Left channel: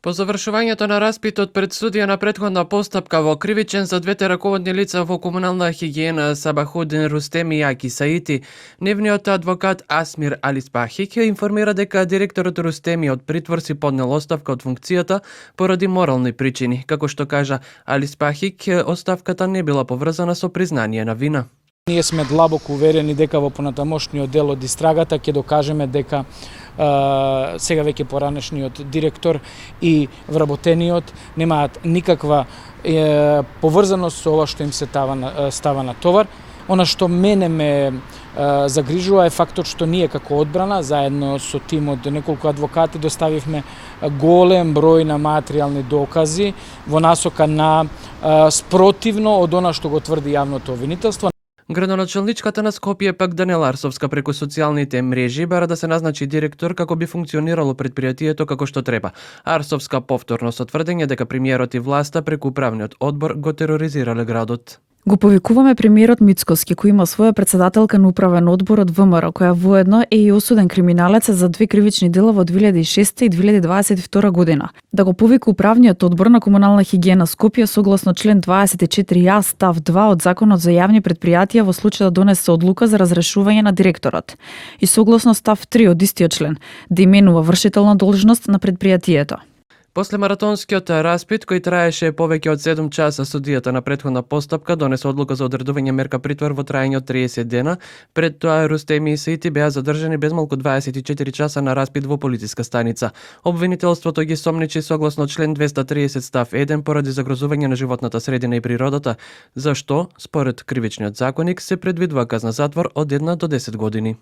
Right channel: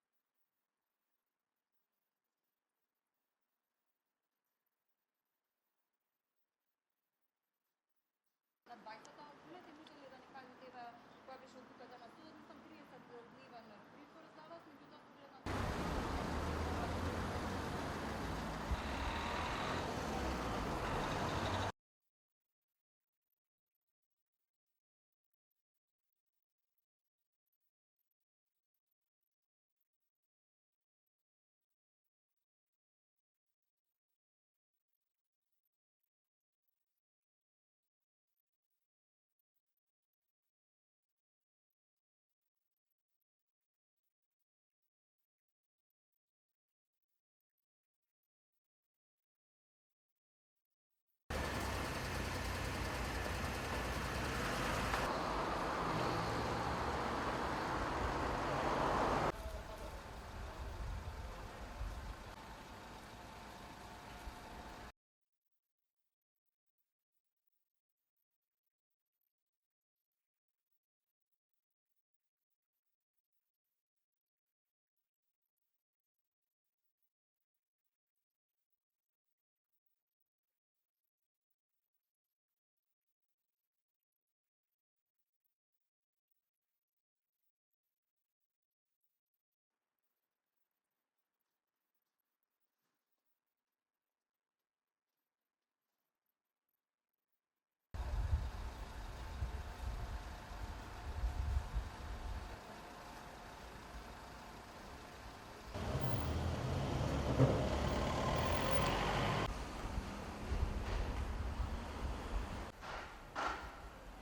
По завршувањето на распитот пред судија на претходна постапка во кривичен за двете раководни лица во комунална хигиена Сабахудин Рустеми Јаки Саити, нивниот адвокат Асмир Алиспахик информира дека директорот Рустеми од притвор си поднел оставка од функцијата поради морални причини. Како што кажа Алиспахик, оставката не била поврзана со признание на вина. Ние сме длабоко уверени дека во понатамошниот дел од истрагата ќе докажеме дека сега веќе поранешниот директор и вработениот немаат никаква поврзаност со ова што им се става на товар. Она што мене ме загрижува е фактот што ние како одбрана, заедно со тим од неколку адвокати, доставивме голем број на материјални докази во насока на спротивно од она што го тврди јавното обвинителство. Градоначалничката на Скопје пак Даниела Арсовска преку социјалните мрежи бара да се назначи директор како би функционирало предпријатието како што треба. Арсовска повторно со тврдење дека премиерот и власта преку управниот одбор го тероризирале градот. Го повикуваме премиерот Мицкоски, кој има своја претседателка на управен одбор од ВМРО, која воедно е и осуден криминалец за 2 кривични дела во 2006 и 2022 година. Да го повика управниот одбор на комунална хигиена Скопје согласно член 24а став 2 од Законот за јавни предпријатија во случај да донесе одлука за разрешување на директорот. И согласно став 3 од истиот член, да именува вршител на должност на предпријатието. После маратонскиот распит, кој траеше повеќе од 7 часа, судијата на претходна постапка донесе одлука за одредување мерка притвор во траење од 30 дена. Пред тоа Рустеми и Саити беа задржани без малку 24 часа на распит во полициска станица. Обвинителството ги сомничи согласно член 230 став 1 поради загрозување на животната средина и природата, за што, според кривичниот законник, се предвидува казна затвор од 1 до 10 години.